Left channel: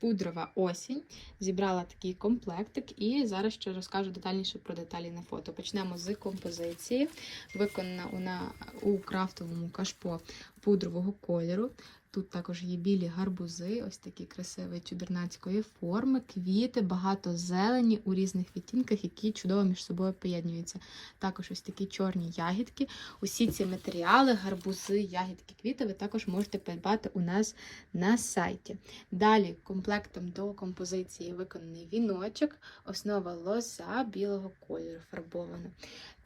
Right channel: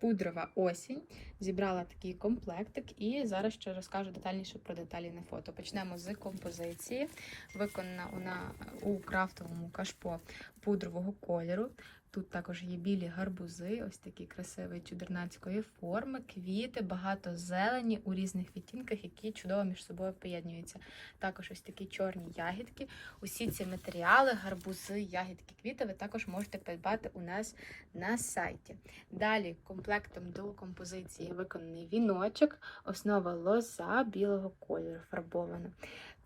пудрова осінь. Зібрала такий комплектик і зараз ще розкажу детальніше про деталі на фото. Почнемо з композиції. Виконана вона у крафтовому кашпо пудрового кольору. Тут також є білі гарбузи, ось такі красиві чудернацької форми, квіти, багато зелені у різних відтінках, які чудово між собою поєднуються. Також ось такі чорні ягідки. Усі ці матеріали, гарбузи, ягідки, квіти ви також можете придбати у нас на сайті. Далі комплектом до композиції виконаний віночок, основа лоза білого кольору фарбована.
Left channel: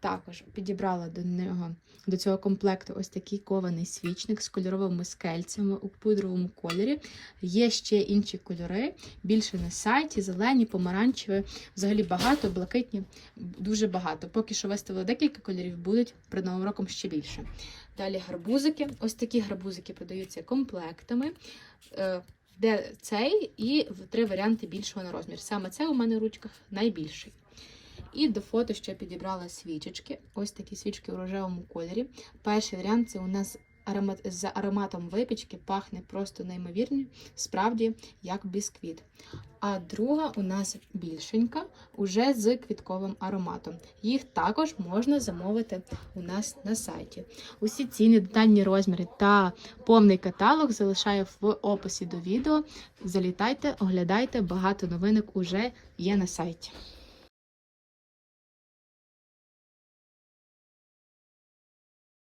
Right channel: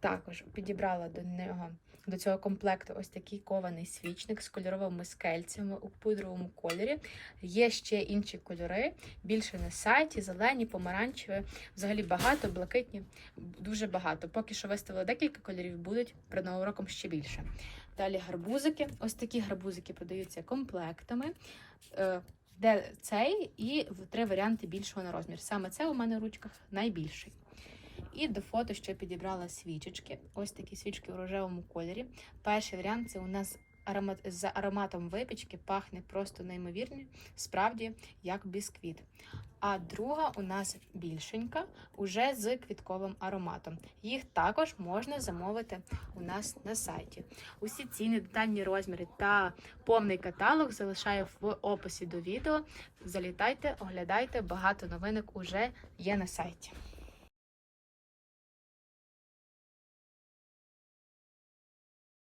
Також підібрала до нього до цього комплекту ось такий кований свічник з кольоровими скельцями у пудровому кольорі. Є ще інші кольори, більше на сайті, зелені, помаранчеві, взагалі багато, блакитні, дуже багато. Поки що виставила декілька кольорів, будуть перед новим роком ще більше. Далі гарбузики. Ось такі гарбузики подаються комплектами. Е, Де цей і три варіанти більшого на розмір. Саме це у мене в ручках найбільший. І до фото ще підібрала свічечки. Ось такі свічки у рожевому кольорі. Перший варіант це у нас аромат з ароматом випічки, пахне просто неймовірно, справді як бісквіт. А друга у нас більшенька, уже з квітковим ароматом. Їх також можна замовити у нас на сайті. Усі ціни, детальні розміри та повний каталог залишаю в описі до відео. Залітайте, оглядайте, багато новинок уже є на сайті.